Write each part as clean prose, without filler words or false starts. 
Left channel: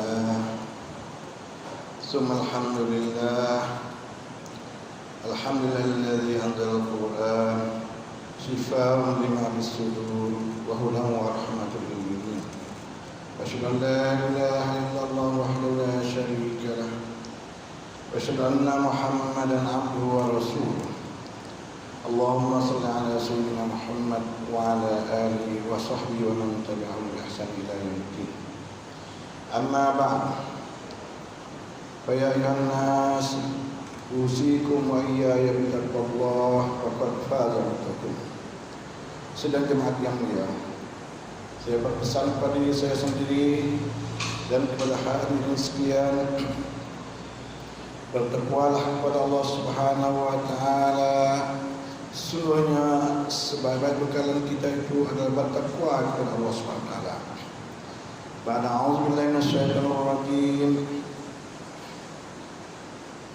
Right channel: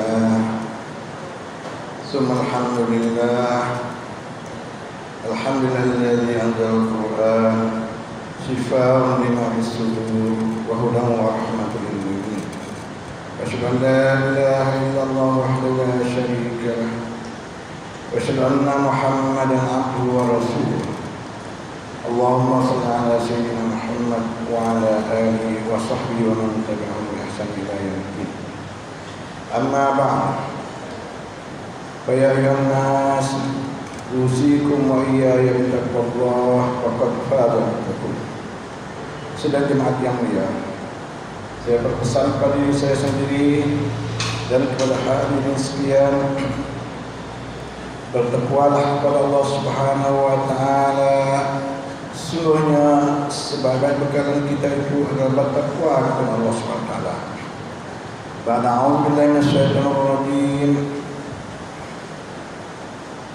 لله ثم الحمد لله. الحمد لله الذي أنزل القرآن شفاء لما في الصدور وهدى ورحمة للمؤمنين. أشهد أن لا إله إلا الله وحده لا شريك له وأشهد أن محمدا عبده ورسوله. اللهم صل على سيدنا محمد وعلى آله وصحبه ومن تبعهم بإحسان إلى يوم الدين. أما بعد فيا أيها الناس أوصيكم وإياي بتقوى الله فقد فاز المتقون. Sedang jemaat yang mulia, saya berpesan pada diri saya sendiri dan kepada hadirin sekalian, bertakwalah kepada Allah Subhanahu wa taala. Sesungguhnya sebagai bekalan kita itu adalah bertakwa kepada Allah Subhanahu wa taala. A'udzubillahi minasyaitonir rajim.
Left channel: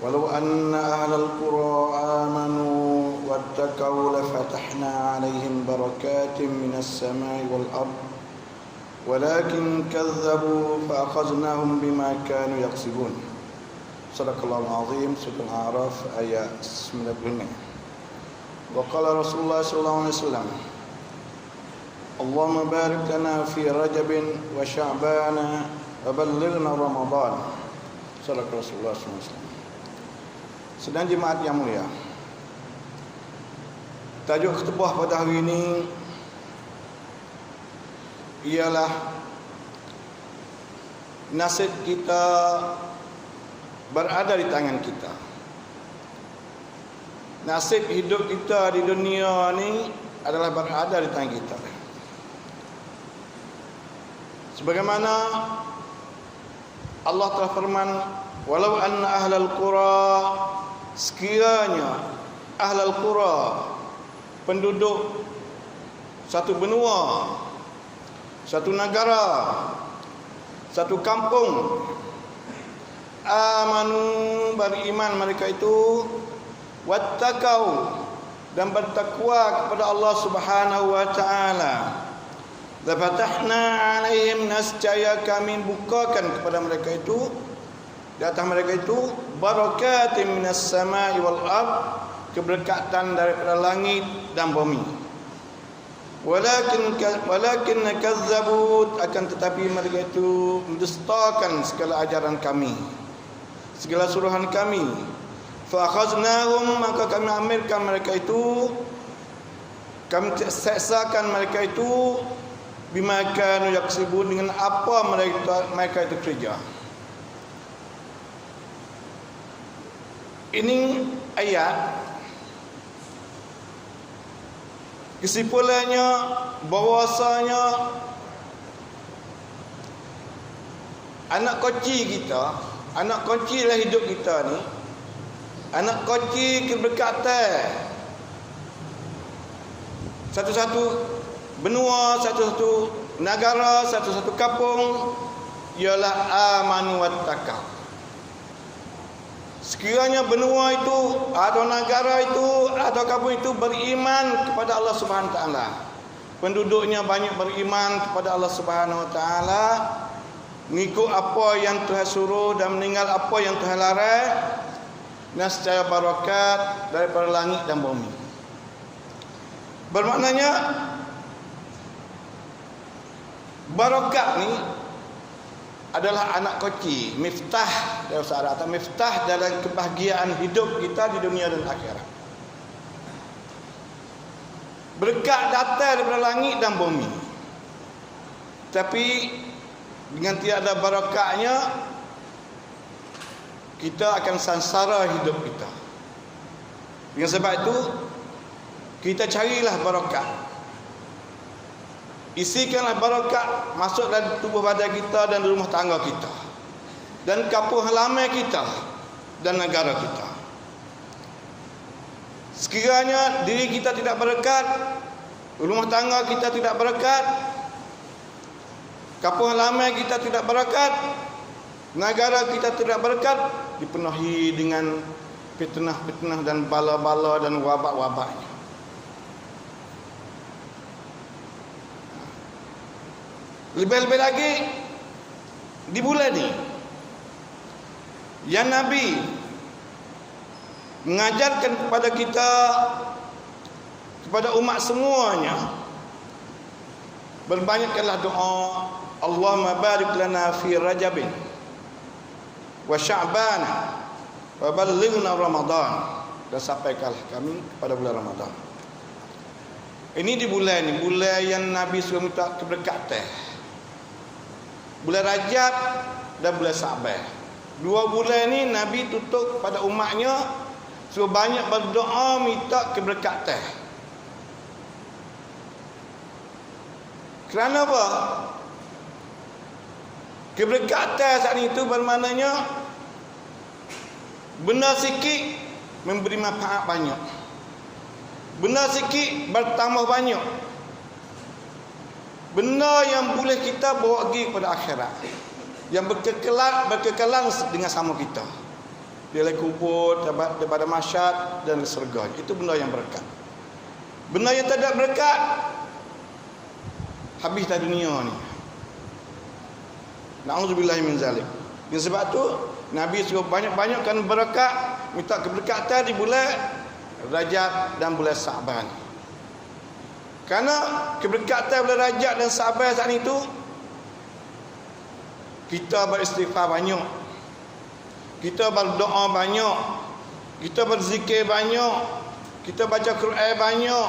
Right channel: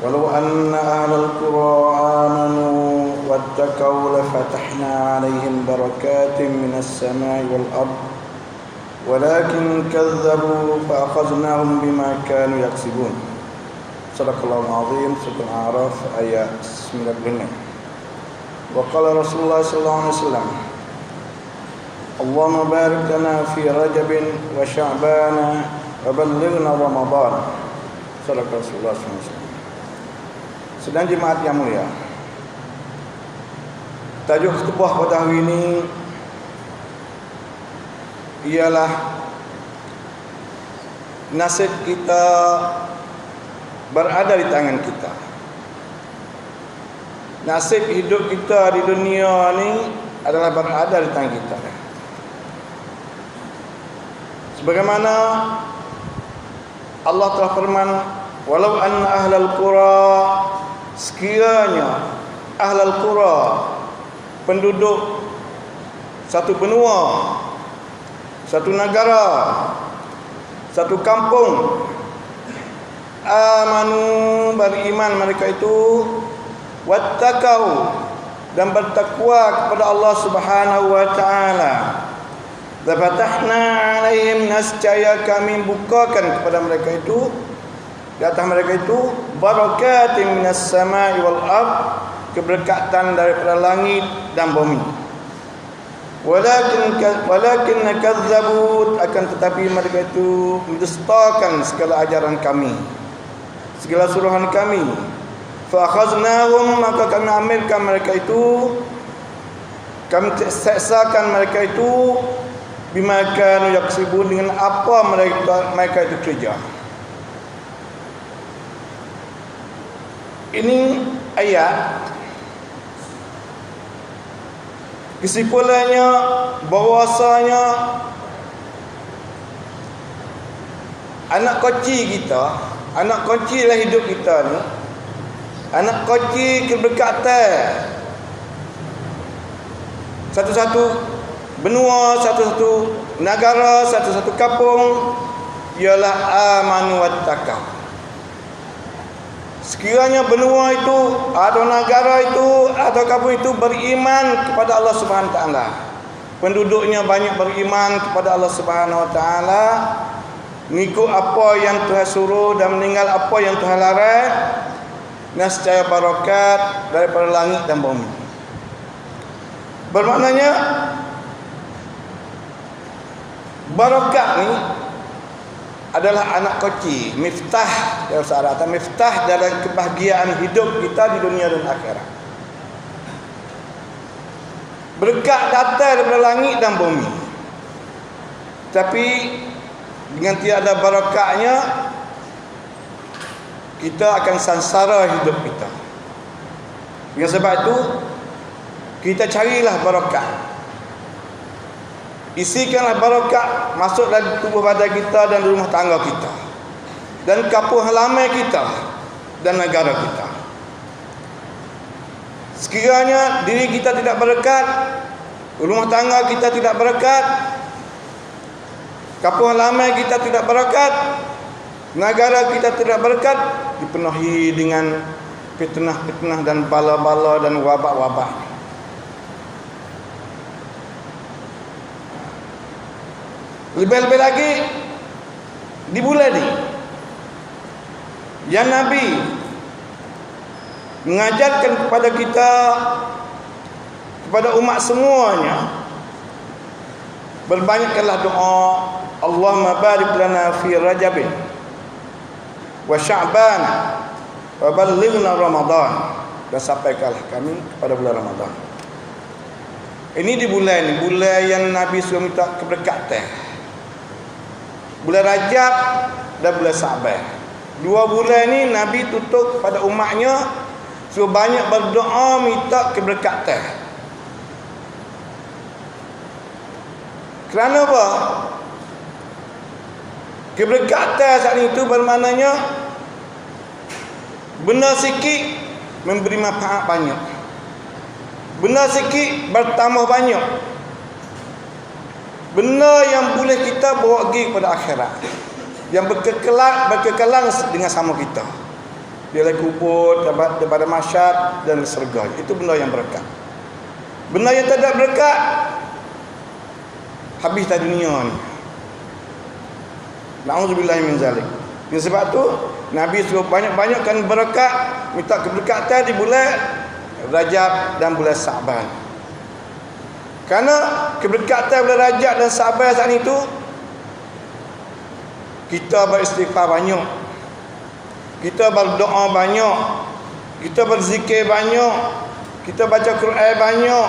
Walau anna ahlal qura amanu wattaqaw lafatahna 'alaihim barakatin minas sama'i wal ard walakin kazzabu fa akhadnahum bima kanu yaksibun. Shadaqallahul azim. Surah Al-A'raf ayat 95. Wa qala Rasulullah sallallahu alaihi wasallam, Allahumma barik lana fi Rajab wa Sya'ban wa ballighna Ramadan. Salam Rasulullah sallallahu alaihi wasallam. Sedang jemaat yang mulia, tajuk khutbah pada hari ini ialah nasib kita berada di tangan kita. Nasib hidup kita di dunia ni adalah berada di tangan kita. Sebagaimana Allah telah firman, walau anna ahlal qura, sekiranya ahlal qura, penduduk satu benua, satu negara, satu kampung, amanu, beriman mereka itu, wattaqau, dan bertakwa kepada Allah Subhanahu wa taala, lafatahna 'alaihim, nescaya kami bukakan kepada mereka itu, di atas mereka itu, barakatin minas sama'i wal ard, keberkatan daripada langit dan bumi. Walakin kazzabu, akan tetapi mereka itu mendustakan segala ajaran kami, segala suruhan kami. Fa akhaznahum, maka kami ambilkan mereka itu, kami seksakan mereka itu, bima kanu yaksibun, dengan apa mereka itu kerja. Ini ayat kesimpulannya bahwasanya anak kecil kita, anak kecil dalam hidup kita ni, anak kecil keberkatan satu-satu benua, satu-satu negara, satu-satu kampung ialah amanu wattaqau. Sekiranya benua itu atau negara itu atau kampung itu beriman kepada Allah Subhanahu wa taala, penduduknya banyak beriman kepada Allah Subhanahu wa taala, mengikut apa yang Tuhan suruh dan meninggal apa yang Tuhan larang, nescaya barakat daripada langit dan bumi. Bermaknanya barakat ni adalah anak kecil, miftah dalam syariat, miftah dalam kebahagiaan hidup kita di dunia dan akhirat. Berkat datang daripada langit dan bumi, tapi dengan tiada barakatnya kita akan sangsara hidup kita. Dengan sebab itu kita carilah barakat. Isikanlah barakat masuk dalam tubuh badan kita dan rumah tangga kita, dan kampung halaman kita dan negara kita. Sekiranya diri kita tidak berkat, rumah tangga kita tidak berkat, kampung halaman kita tidak berkat, negara kita tidak berkat, dipenuhi dengan fitnah-fitnah dan bala-bala dan wabak-wabak. Lebih-lebih lagi Di bulan ni yang Nabi mengajarkan kepada kita, kepada umat semuanya, berbanyakkanlah doa, Allahumma barik lana fi Rajabin wa Sya'ban wa ballighna Ramadan, dan sampaikanlah kami kepada bulan Ramadan. Ini di bulan yang Nabi suruh minta keberkatan. Bulan Rajab dan bulan Sya'ban. 2 bulan ni Nabi tutup pada umatnya suruh banyak berdoa minta keberkatan. Kerana apa? Keberkatan saat itu bermaknanya benda sikit memberi manfaat banyak, benda sikit bertambah banyak, benda yang boleh kita bawa pergi kepada akhirat, yang berkekalan dengan sama kita. Dia kubur, daripada mahsyar dan syurga. Itu benda yang berkat. Benda yang tak ada berkat, habislah dunia ni. Na'udzubillah min zalik. Dan sebab tu Nabi suruh banyak-banyakkan berkat, minta keberkatan di bulan Rajab dan bulan Sya'ban. Kerana keberkatan bulan Rajab dan Sya'ban saat itu, kita beristighfar banyak, kita berdoa banyak, kita berzikir banyak, kita baca Quran banyak,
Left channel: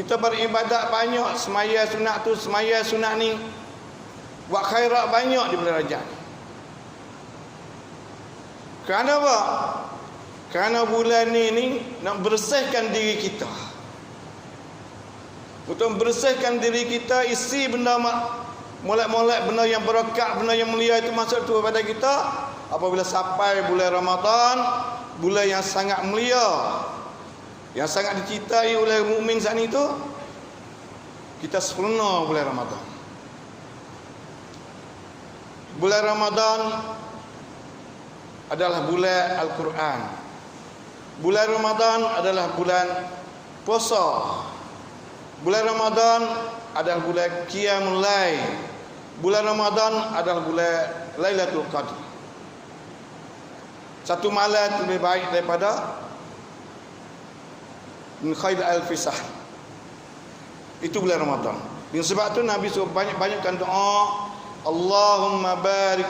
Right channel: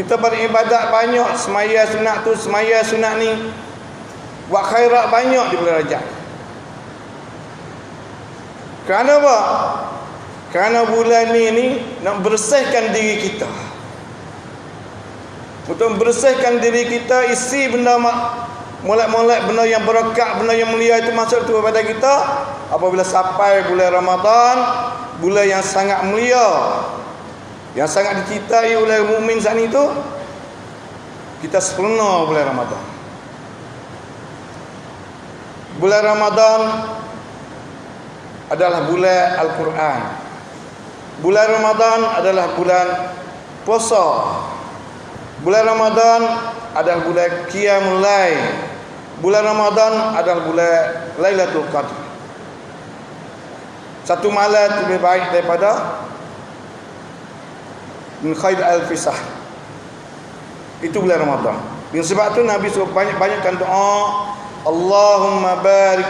kita beribadat banyak, semaya sunat tu, semaya sunat ni, buat khairat banyak di bulan Rajab. Kerana apa? Kerana bulan ni nak bersihkan diri kita. Untuk bersihkan diri kita, isi benda molek-molek, benda yang berkat, benda yang mulia itu masuk tu kepada kita. Apabila sampai bulan Ramadan, bulan yang sangat mulia, yang sangat dicintai oleh mukmin saat itu, kita sempurna bulan Ramadan. Bulan Ramadan adalah bulan Al-Quran. Bulan Ramadan adalah bulan puasa. Bulan Ramadan adalah bulan Qiyamul Lail. Bulan Ramadan adalah bulan Lailatul Qadar. Satu malam lebih baik daripada min khair al-fisah. Itu bulan Ramadan. Dengan sebab tu Nabi suruh banyak-banyakkan doa, Allahumma barik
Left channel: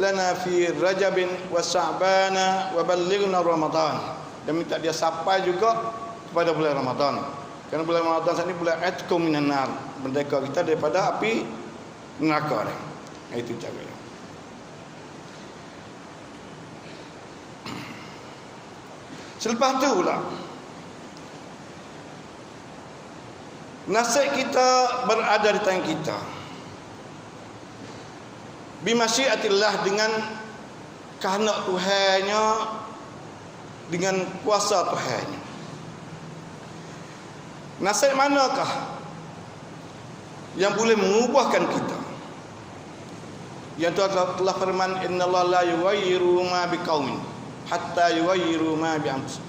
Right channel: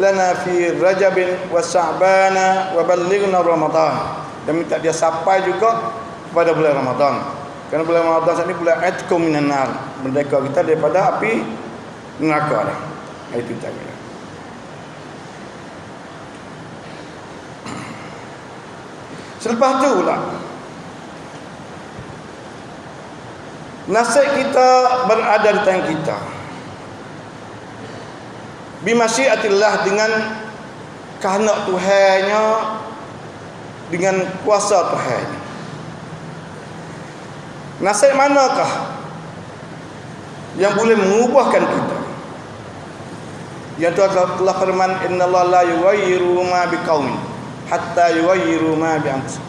lana fi Rajabin wa Sya'bana wa ballighna Ramadan. Dan minta dia sampai juga kepada bulan Ramadan. Kerana bulan Ramadan saat ini bulan atqum minan nar, merdeka kita daripada api neraka. Itu cara. Selepas tu pula, nasib kita berada di tangan kita. Bimasyiatillah, dengan kehendak Tuhannya, dengan kuasa Tuhannya. Nasib manakah yang boleh mengubahkan kita? Yang telah firman, innallaha la yughayyiru ma biqaumin hatta yughayyiru ma bi anfusihim.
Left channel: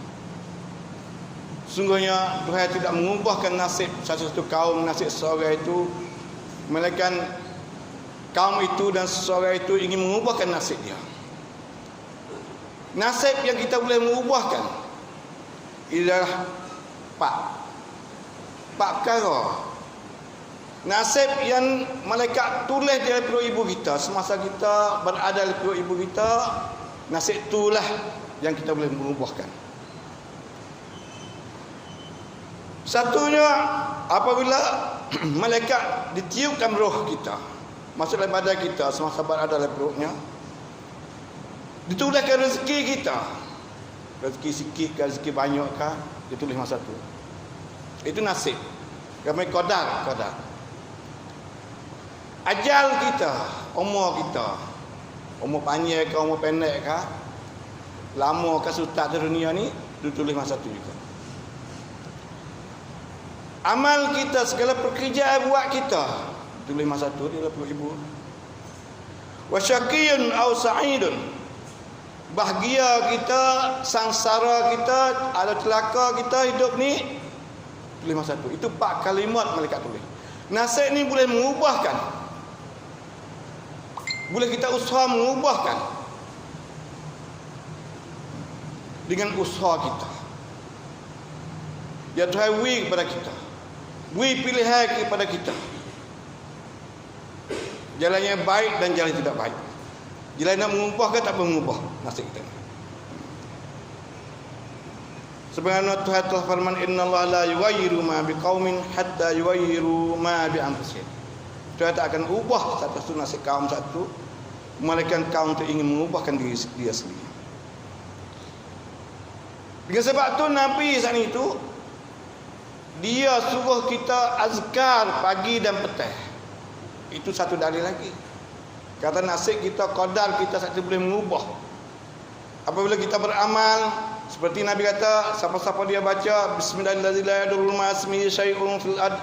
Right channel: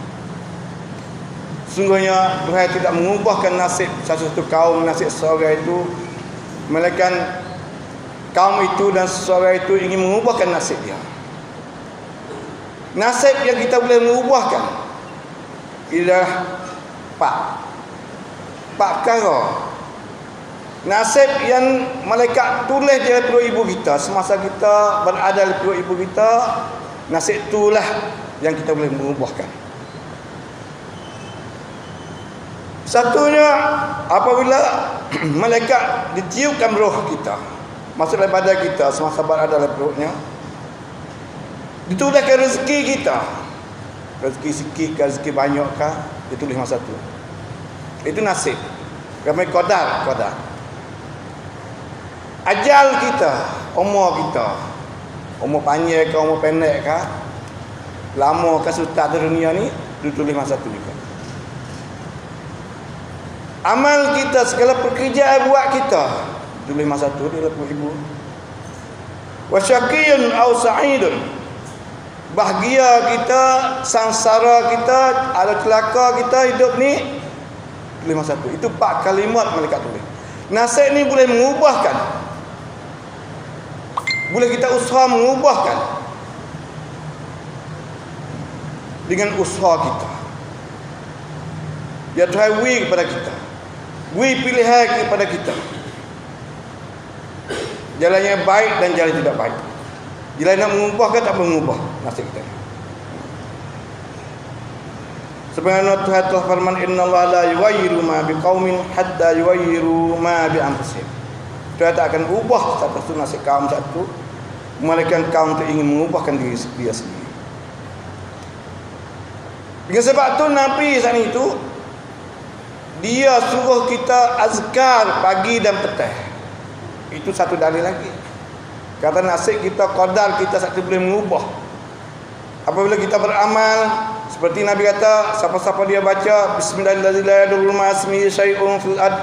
Sungguhnya Tuhan tidak mengubahkan nasib satu kaum, nasib seseorang itu, melainkan kaum itu dan seseorang itu ingin mengubahkan nasib dia. Nasib yang kita boleh mengubahkan ialah empat perkara. Nasib yang malaikat tulis di perut ibu kita semasa kita berada di perut ibu kita, nasib itulah yang kita boleh mengubahkan. Satunya, apabila malaikat ditiupkan roh kita masuk dalam badan kita semasa berada dalam perutnya, dituliskan rezeki kita. Rezeki sikit ke rezeki banyak ke, ditulis masa tu. Itu nasib. Kami qadar. Ajal kita, umur kita, umur panjang ke umur pendek ke, lama ke sutat di dunia ni, ditulis masa tu juga. Amal kita, segala pekerjaan buat kita, tulis masa tu dia lapor ibu. Wa syaqiyun aw sa'idun. Bahagia kita, sangsara kita, ada celaka kita hidup ni, tulis masa tu. Itu 4 kalimat malaikat tulis. Nasib ni boleh mengubahkan. Boleh kita usaha mengubahkan dengan usaha kita. Ya Tuhan, beri kepada kita, beri pilihan kepada kita, jalan yang baik dan jalan tidak baik. Jalan nak mengubah ke tak mengubah nasib kita. Sebenarnya Tuhan telah firman, innallaha la yughayyiru ma biqaumin hatta yughayyiru ma bi anfusihim. Tuhan tak akan ubah satu nasib kaum satu melainkan kaum itu ingin mengubahkan diri dia sendiri. Dengan sebab tu Nabi saat itu dia suruh kita azkar pagi dan petang. Itu satu dalil lagi. Kata nasib kita, qadar kita satu boleh mengubah. Apabila kita beramal seperti Nabi kata, siapa-siapa dia baca bismillahirrahmanirrahim ma ismihi syai'un fil ard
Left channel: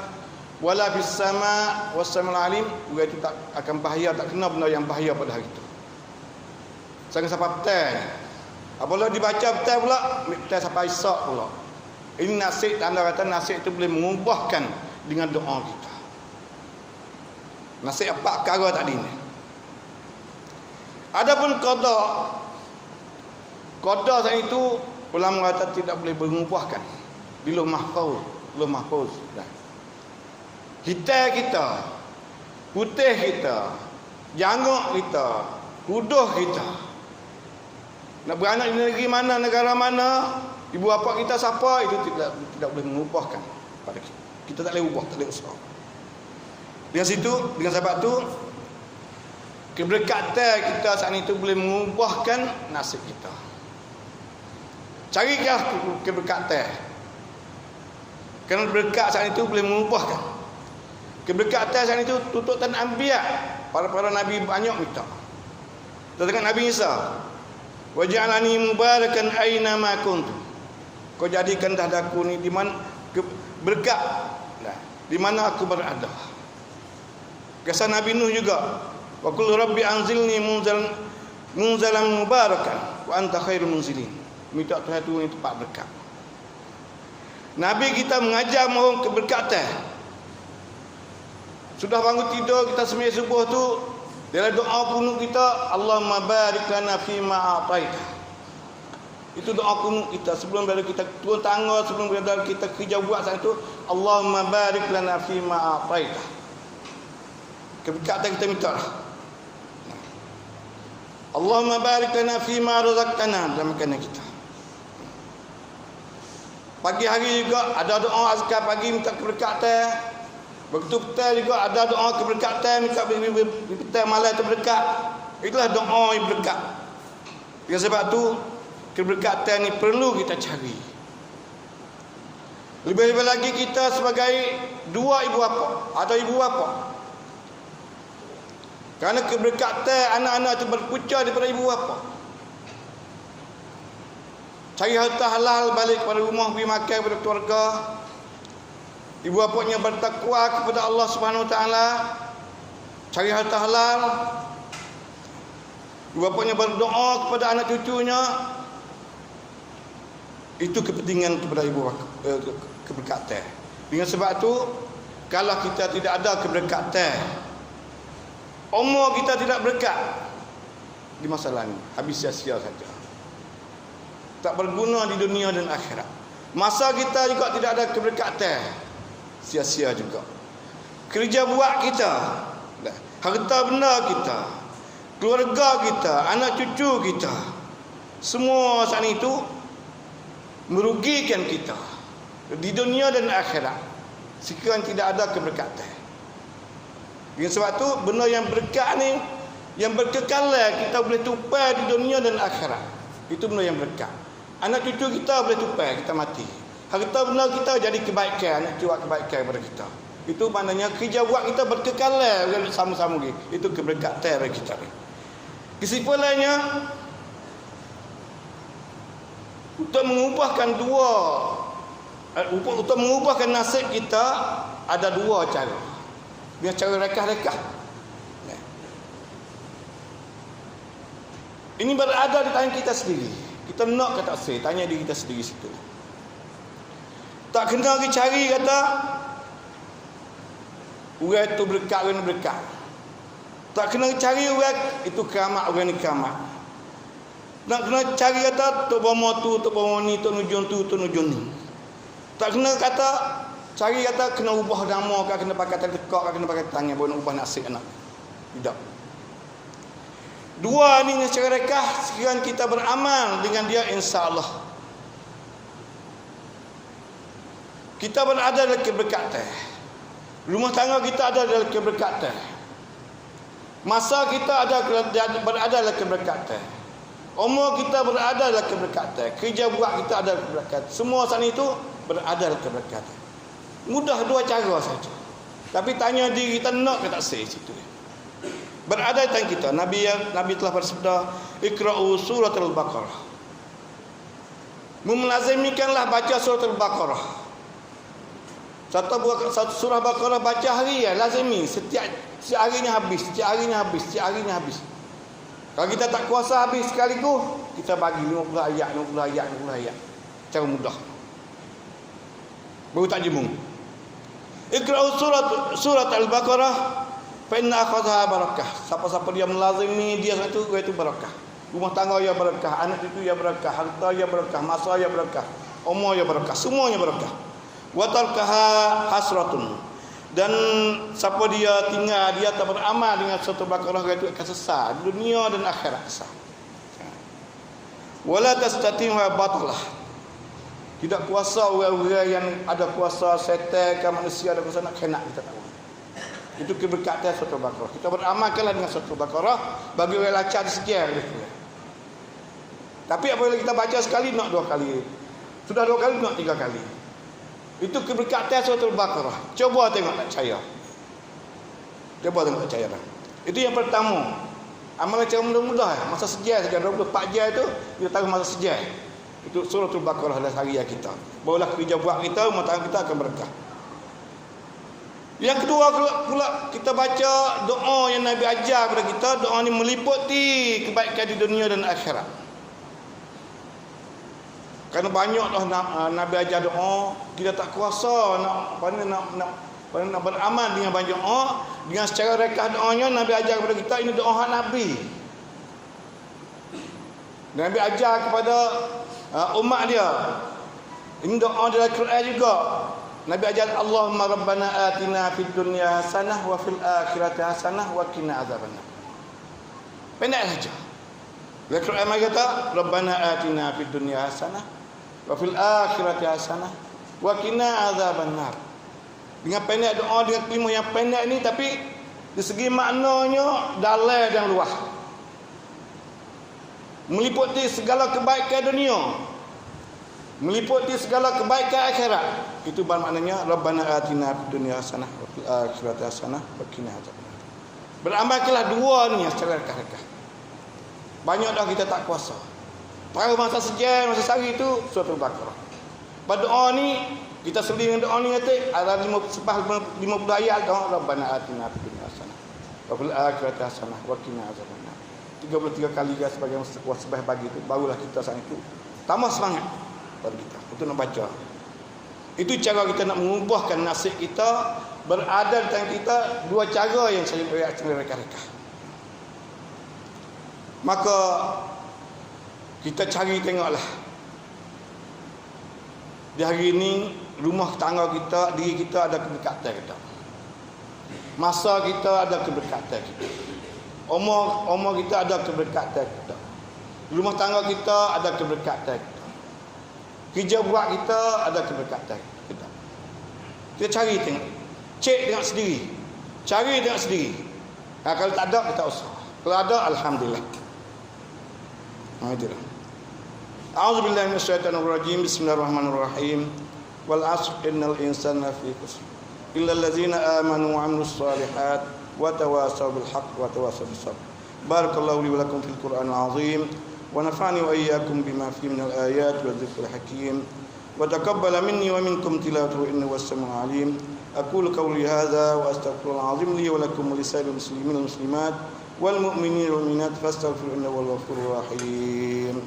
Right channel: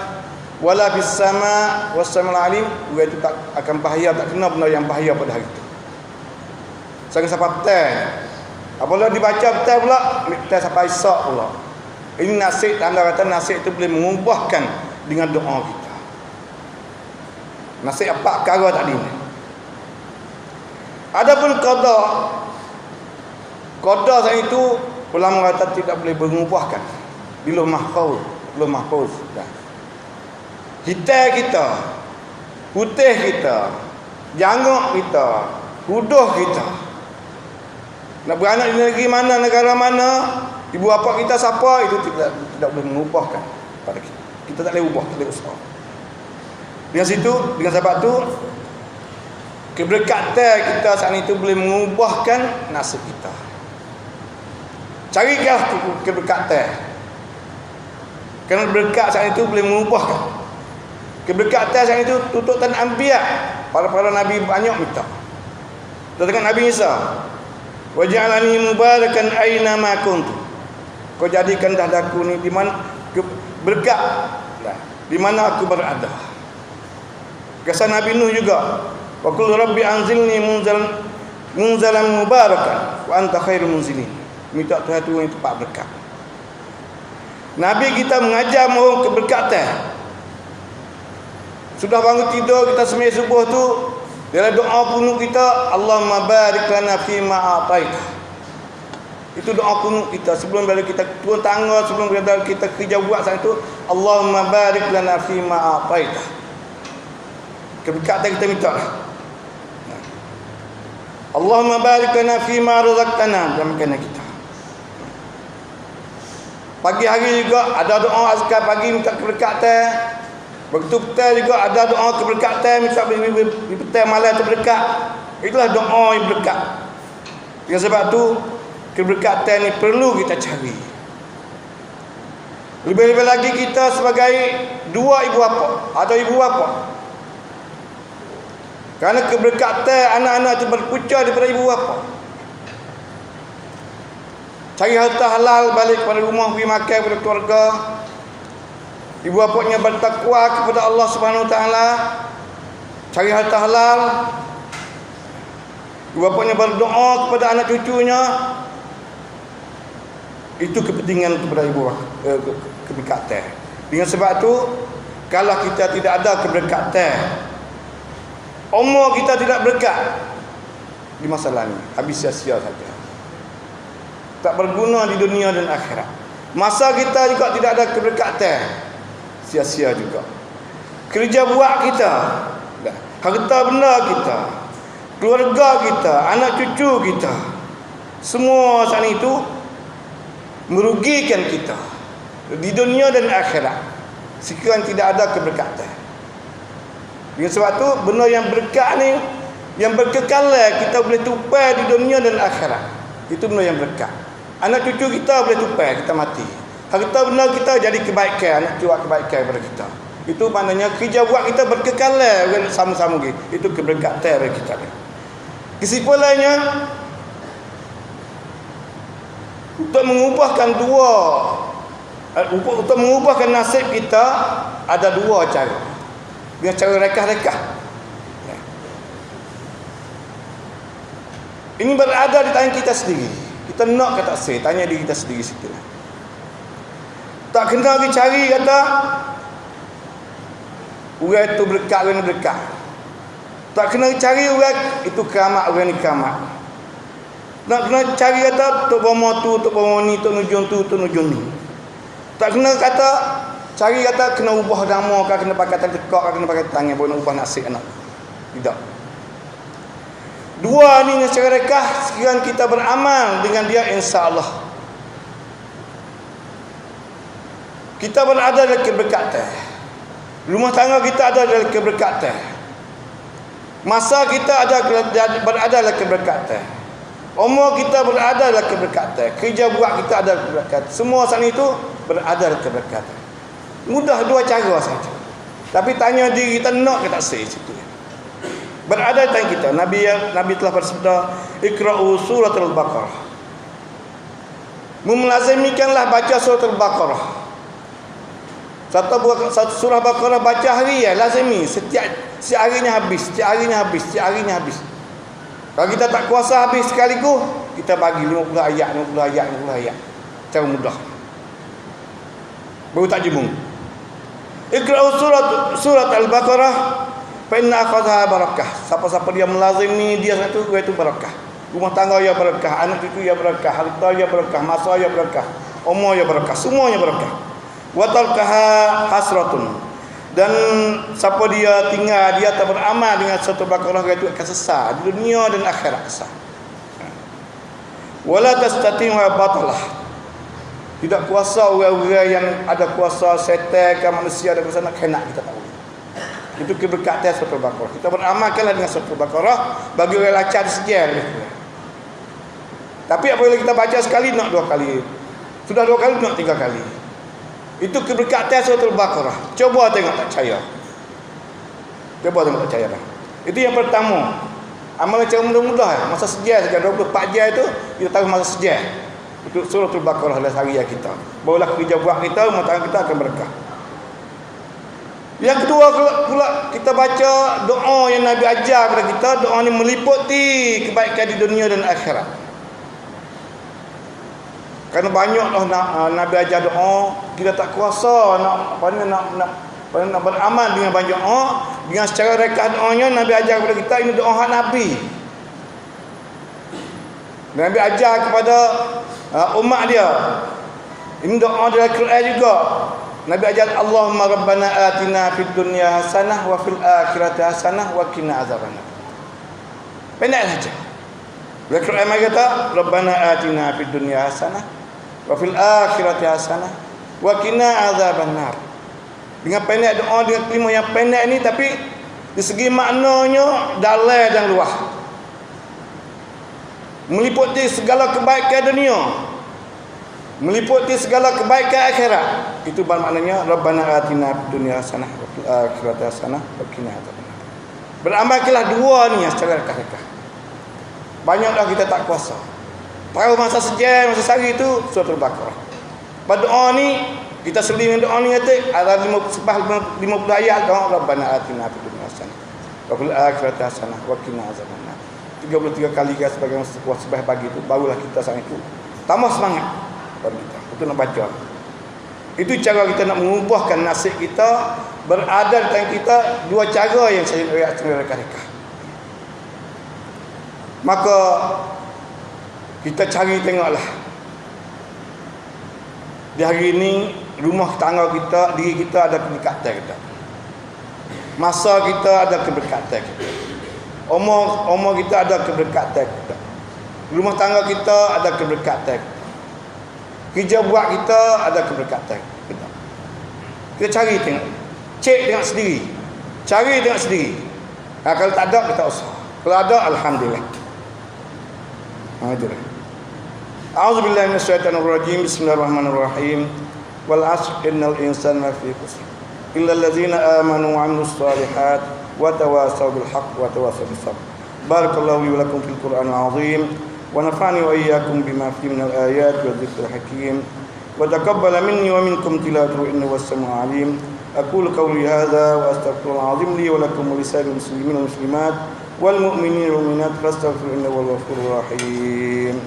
wala fis sama was samiul alim, dia itu tak akan bahaya, tak kena benda yang bahaya pada hari itu. Sangat sampai petang. Apabila dibaca petang pula, petang sampai isyak pula. Ini nasib, anda kata nasib itu boleh mengubahkan dengan doa kita. Nasib apa perkara tadi ni. Adapun qada saat itu ulama kata tidak boleh mengubahkan. Bila mahfuz. Hitam kita, putih kita, janggut kita, huduh kita. Nak beranak di negeri mana, negara mana, ibu bapa kita siapa, itu tidak boleh mengubahkan pada kita. Kita tak boleh ubah, tak boleh usaha. Dengan sebab tu keberkatan kita saat itu boleh mengubahkan nasib kita. Carilah keberkatan. Kerana berkat saat itu boleh mengubahkan. Keberkatan saat itu tututan anbiya, para nabi banyak minta. Katakan Nabi Isa, waj'alani mubarakan aina ma kuntu. Kau jadikan dadaku ni di mana berkat, di mana aku berada. Kisah Nabi Nuh juga, wa qul rabbi anzilni munzalan mubarakan wa anta khairul munzilin. Minta Tuhan turun tempat berkat. Nabi kita mengajar mohon keberkatan. Sudah bangun tidur, kita sembahyang subuh tu, dalam doa kunut kita, Allahumma barik lana fi ma ataita. Itu doa kunut kita sebelum dari kita turun tangga, sebelum dari kita kerja buat saat itu, Allahumma barik lana fi ma ataita. Keberkatan kita minta. Allahumma barik lana fi ma razaqtana, dalam makanan kita. Pagi hari juga ada doa azkar pagi minta keberkatan. Begitu petang juga ada doa keberkatan minta petang malam terberkat. Itulah doa yang berkat. Dengan sebab tu keberkatan ni perlu kita cari. Lebih-lebih lagi kita sebagai dua ibu bapa atau ibu bapa. Kerana keberkatan anak-anak itu berpunca daripada ibu bapa. Cari harta halal, balik kepada rumah, pergi makan kepada keluarga. Ibu bapanya bertakwa kepada Allah Subhanahu Wa Taala. Cari harta halal. Ibu bapanya berdoa kepada anak cucunya. Itu kepentingan kepada ibu keberkatan. Dengan sebab tu, kalau kita tidak ada keberkatan, umur kita tidak berkat di masa lalu, habis sia-sia saja. Tak berguna di dunia dan akhirat. Masa kita juga tidak ada keberkatan, sia-sia juga. Kerja buat kita, harta benda kita, keluarga kita, anak cucu kita, semua saat itu merugikan kita di dunia dan akhirat sekiranya tidak ada keberkatan. Dengan sebab tu benda yang berkat ni, yang berkekalan, kita boleh tupai di dunia dan akhirat. Itu benda yang berkat. Anak cucu kita boleh tupai, kita mati. Harta benda kita jadi kebaikan, anak cucu kebaikan kepada kita. Itu maknanya kerja buat kita berkekalan sama-sama gitu. Itu keberkatan bagi kita. Kesimpulannya, untuk mengubahkan nasib kita ada dua cara. Dengan cara rekah-rekah. Ini berada di tangan kita sendiri. Kita nak ke tak sih, tanya diri kita sendiri situ. Tak kena pergi cari kata orang itu berkat, orang berkat. Tak kena cari orang itu keramat, orang ni keramat. Nak kena cari kata tok bomo tu, tok bomo ni, tok nujung tu, tok nujung ni. Tak kena kata cari kata kena ubah nama kah, kena pakai tangan tekak kah, kena pakai tangan boleh ubah nasib anak. Tidak. Dua ni secara rekah sekian kita beramal dengan dia, insya-Allah kita berada dalam keberkatan. Rumah tangga kita ada dalam keberkatan. Masa kita berada dalam keberkatan. Umur kita berada dalam keberkatan. Kerja buat kita ada dalam keberkatan. Semua saat itu berada dalam keberkatan. Mudah dua cara saja. Tapi tanya diri kita nak ke tak sah situ. Berada di tangan kita. Nabi telah bersabda, "Iqra'u suratul Baqarah." Melazimikanlah baca suratul Baqarah. Satu surah Baqarah baca harian lazimi, setiap harinya habis. Kalau kita tak kuasa habis sekaligus, kita bagi 50 ayat. Cara mudah. Baru tak jemung. Iqra'u surat Al-Baqarah fa inna akhadha barakah. Siapa-siapa dia melazimi dia satu, itu barakah. Rumah tangga ya barakah, anak cucu ya barakah, harta ya barakah, masa ya barakah, umur ya barakah, semuanya barakah. Wa tarkaha hasratun. Dan siapa dia tinggal, dia tak beramal dengan satu Baqarah, itu akan sesat di dunia dan akhirat sesat. Wala tastati'u batalah. Tidak kuasa orang-orang yang ada kuasa setan ke manusia ada kuasa nak kena kita tahu. Itu keberkatan satu Baqarah. Kita beramalkanlah dengan satu Baqarah bagi orang lacak sekian. Tapi apabila kita baca sekali nak dua kali. Sudah dua kali nak tiga kali. Itu keberkatan suratul Baqarah. Coba tengok tak percaya. Dah. Itu yang pertama. Amalan cara mudah-mudah. Masa sejam saja 24 jam itu kita tahu masa sejam. Itu suratul Baqarah dalam harian kita. Barulah kerja buat kita, rumah tangga kita akan berkah. Yang kedua pula kita baca doa yang Nabi ajar kepada kita. Doa ni meliputi kebaikan di dunia dan akhirat. Karena banyaklah Nabi ajar doa, kita tak kuasa nak beramal dengan banyak doa. Dengan secara rekah doanya Nabi ajar kepada kita, ini doa hak Nabi. Nabi ajar kepada umat dia. Ini doa dalam Quran juga. Nabi ajar, Allahumma rabbana atina fid dunya hasanah wa fil akhirati hasanah wa qina azabannar. Pendek saja. Dalam Quran kata, rabbana atina fid dunya hasanah wa fil akhirati hasanah wa qina azabannar. Dengan pendek doa, dengan kelima yang pendek ni, tapi di segi maknanya dalam dan luas, meliputi segala kebaikan dunia, meliputi segala kebaikan akhirat. Itu maknanya rabbana atina fid dunya hasanah wa fil akhirati hasanah wa qina azabannar. Beramalkanlah dua ni secara rekah-rekah. Banyak dah kita tak kuasa. Tahu masa sejam, masa sehari itu suratul Baqarah. Pada doa ni kita seling doa ni kata ada 50 ayat doa rabbana atina fid dunya hasanah wa fil akhirati hasanah wa qina azabannar. 33 kali guys sebagai sebagai pagi itu barulah kita sang itu tambah semangat pada kita. Itu nak baca. Itu cara kita nak mengubahkan nasib kita, berada di tangan kita. Dua cara yang saya nak rekah-rekah. Maka kita cari tengoklah di hari ini rumah tangga kita, diri kita ada keberkatan kita, masa kita ada keberkatan kita, umur kita ada keberkatan kita, rumah tangga kita ada keberkatan kita, kerja buat kita ada keberkatan kita. Kita cari tengok, cek tengok sendiri, cari tengok sendiri. Kalau tak ada kita usaha, kalau ada alhamdulillah. A'udzu billahi minasyaitonir rajim. Bismillahirrahmanirrahim. Wal 'ashr innal insana lafi khusr illa allazina amanu wa 'amilus shalihat wa tawasaw bil haqq wa tawasaw bis sabr. Barakallahu li wa lakum fil Qur'anil 'azim wa nafa'ani wa iyyakum bima fihi minal ayati wa dzikril hakim wa taqabbala minni wa minkum tilawatahu innahu was-sami'ul 'alim. Aqulu qawli hadza wa astaghfirullahal 'azim li wa lakum wa lisa'iril muslimin wal muslimat wal mu'minin wal mu'minat fastaghfiruhu innahu huwal ghafurur rahim.